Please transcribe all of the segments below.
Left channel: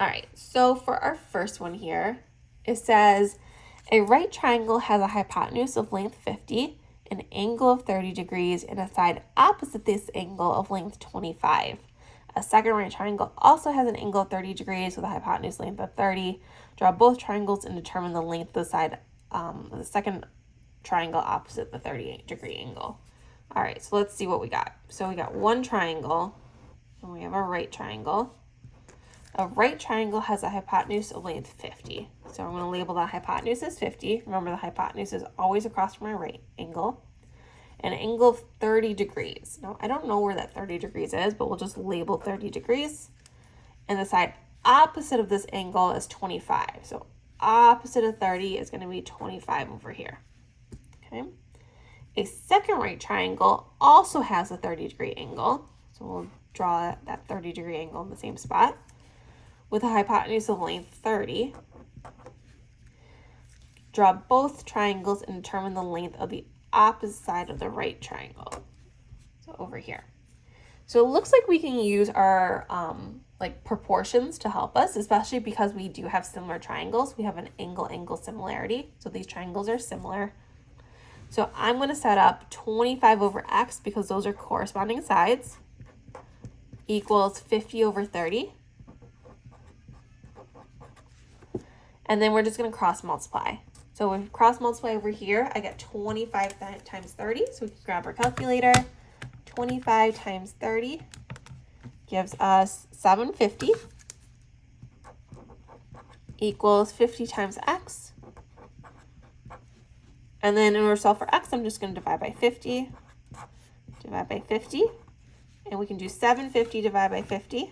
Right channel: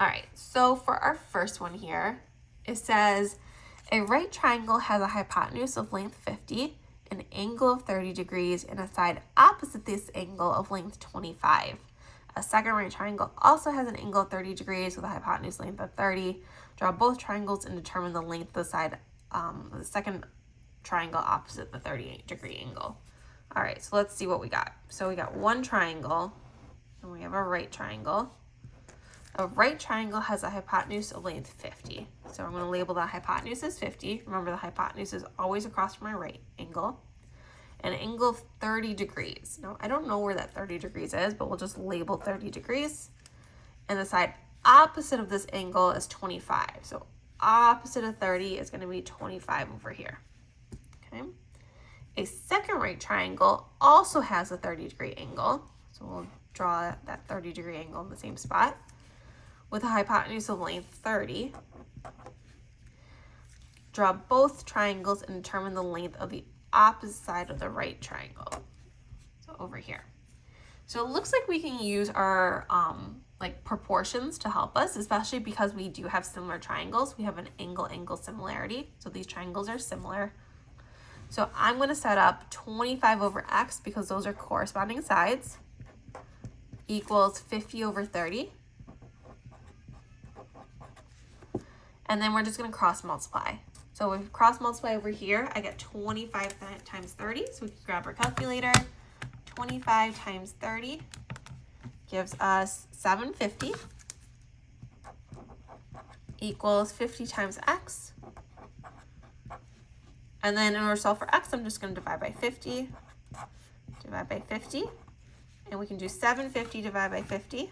All right, so for our first one here, it says a right triangle has a hypotenuse of length 50, an angle of 30 degrees, and a side opposite this angle of length 25. A second right triangle also has an angle of 30 degrees with a hypotenuse length of 30. Draw both triangles and determine the length of the side, the second triangle opposite the 30-degree angle. All right, so let's see what we got. So we got one triangle, and we have a right triangle. A right triangle has a hypotenuse of length 50. So I'm going to label that hypotenuse as 50. Remember, the hypotenuse is always across from my right angle. An angle of 30 degrees. Now, I don't know where that 30 degrees is, but we'll just label 30 degrees. And the side opposite of this angle is 25. So opposite of 30 is going to be 25 over here. Okay. A second right triangle also has a 30-degree angle. So we'll draw that 30-degree angle in the same spot with a hypotenuse of length 30. Draw both triangles and determine the length of the opposite side of the right triangle. So over here. So it looks like we can use our like proportions to help us, especially because we do have similar triangles. We have an angle-angle similarity. So these triangles are similar. So I'm going to set up 25 over x because those are corresponding sides equals 50 over 30. And then we're just going to cross multiply. So when we cross multiply over here, I get 25 times 30. So we can grab our calculator. 25 times 30 gives us 750 equals 50 times x. And then in order to solve for x, I'm just going to divide by 50. Divide by 50. And we can do 750 divided by 50,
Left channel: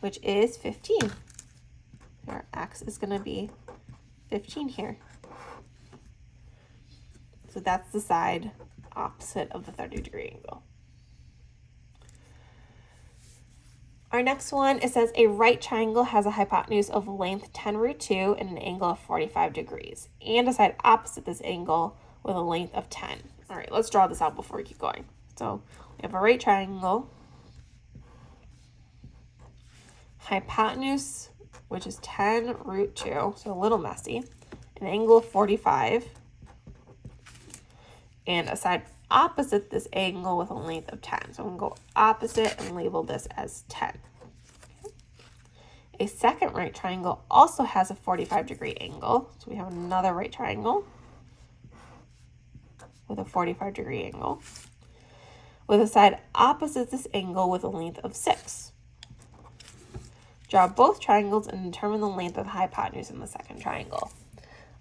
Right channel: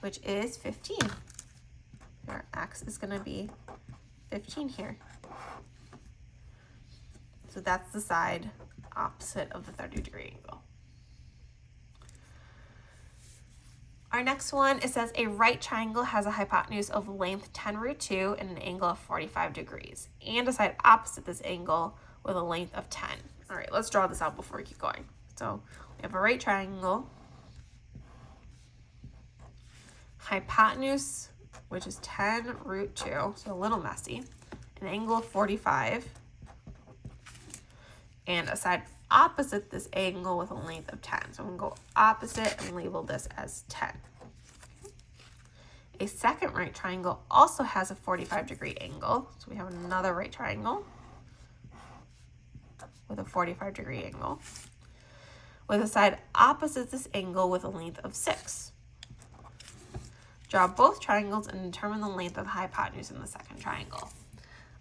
which is 15. Our x is going to be 15 here. So that's the side opposite of the 30-degree angle. Our next one, it says a right triangle has a hypotenuse of length 10 root 2 and an angle of 45 degrees, and a side opposite this angle with a length of 10. All right, let's draw this out before we keep going. So we have a right triangle, hypotenuse, which is 10 root 2, so a little messy, an angle of 45, and a side opposite this angle with a length of 10. So I'm going to go opposite and label this as 10. Okay. A second right triangle also has a 45-degree angle. So we have another right triangle with a 45-degree angle with a side opposite this angle with a length of 6. Draw both triangles and determine the length of the hypotenuse in the second triangle.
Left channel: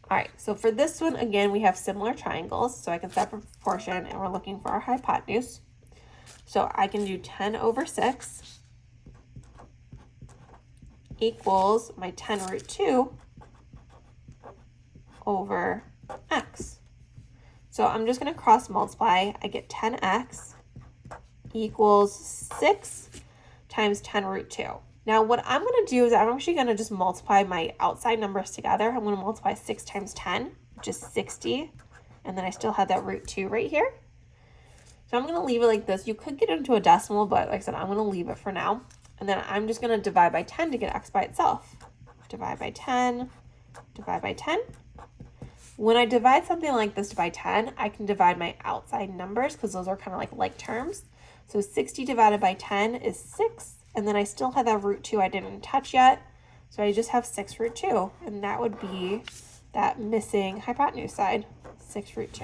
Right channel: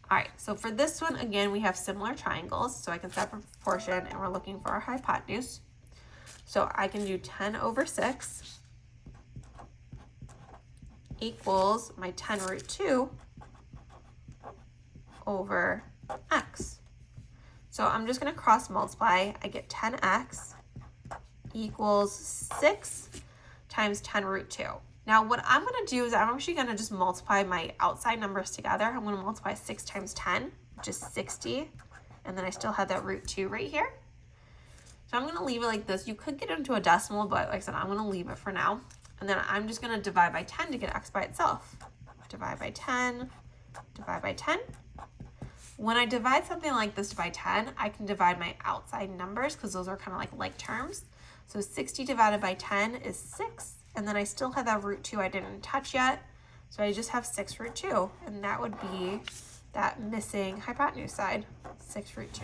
All right, so for this one, again, we have similar triangles, so I can set for proportion, and we're looking for our hypotenuse. So I can do 10 over 6 equals my 10 root 2 over x. So I'm just going to cross multiply. I get 10x equals 6 times 10 root 2. Now what I'm going to do is I'm actually going to just multiply my outside numbers together. I'm going to multiply 6 times 10, which is 60. And then I still have that root 2 right here. So I'm going to leave it like this. You could get into a decimal, but like I said, I'm going to leave it for now. And then I'm just going to divide by 10 to get x by itself. Divide by 10, divide by 10. When I divide something like this by 10, I can divide my outside numbers because those are kind of like terms. So 60 divided by 10 is 6. And then I still have that root 2 I didn't touch yet. So I just have 6 root 2. And that would be that missing hypotenuse side, 6 root 2.